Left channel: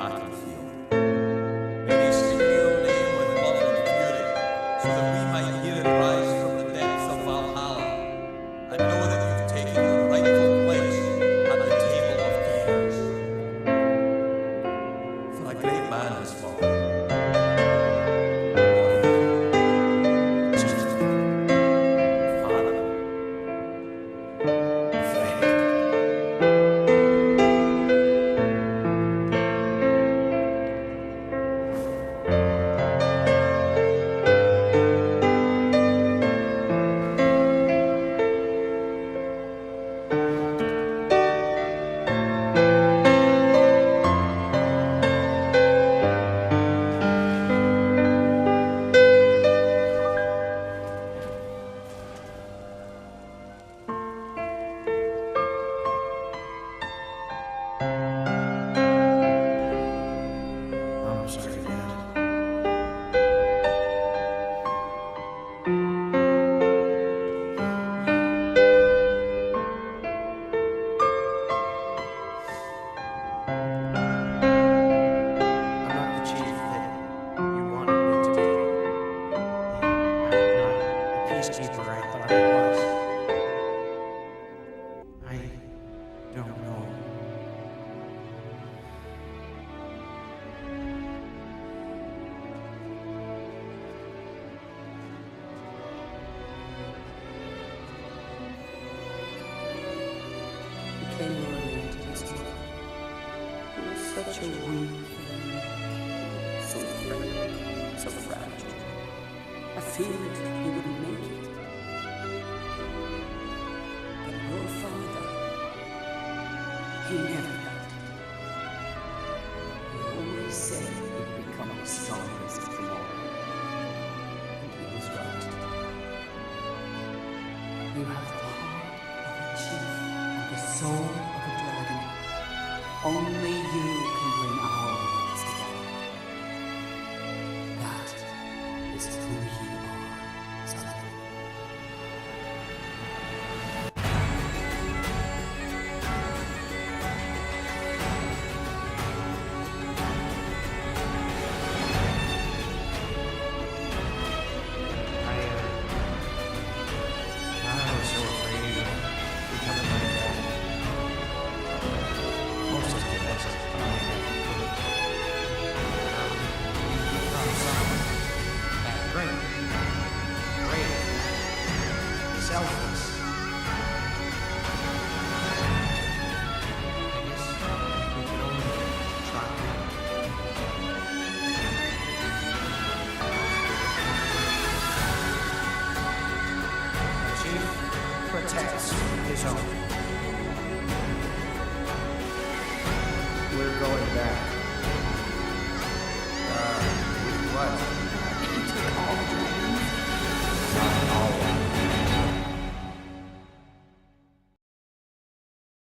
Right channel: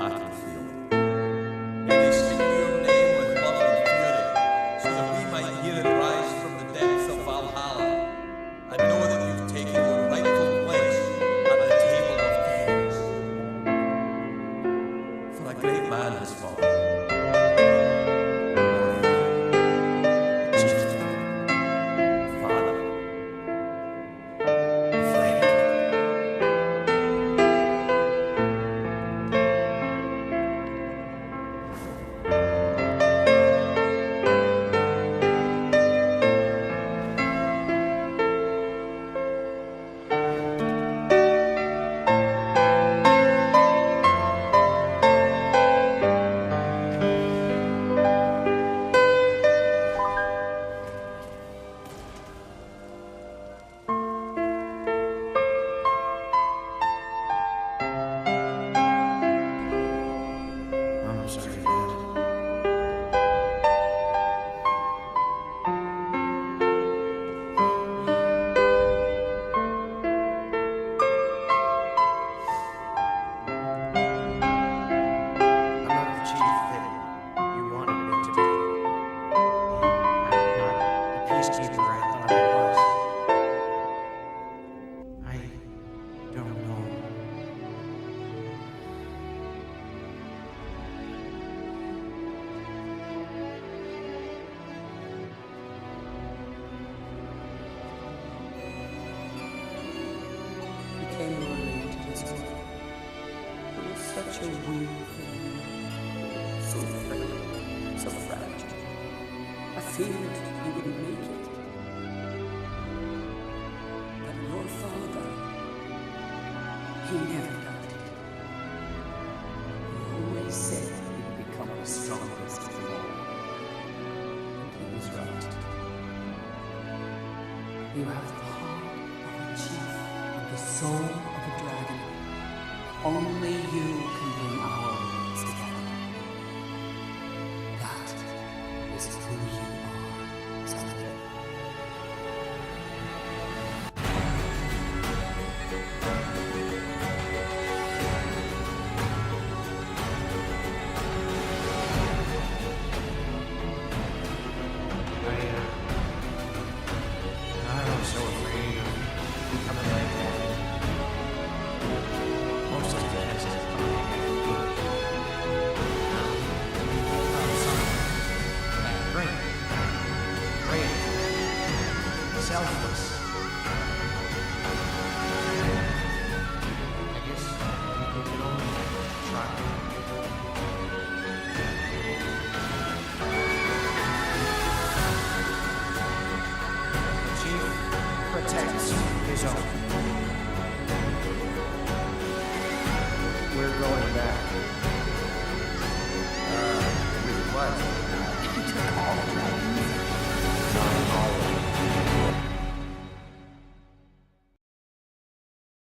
battlefield. May they speak your name with love and fury, so that we might hear it rise from the depths of Valhalla, and know that you've taken your rightful place at the table of kings. For a great man has fallen. I'm sorry, Dad. I'm not the chief that you wanted me to be. And I'm not the peacekeeper I thought I was. I don't know. He came early into this world. He was such a wee thing, so frail, so fragile. I feared he wouldn't make it. But your father, he never doubted. He always said he'd become the strongest of them all. And he was right. You have the heart of a chief and the soul of a dragon. Only you can bring our worlds together. That is who you are, Jonathan. I was so afraid of becoming like that. Mostly because of the I never could. You become someone that great, brave, selfless. I guess we can only try. The chief protects his own. We're going back.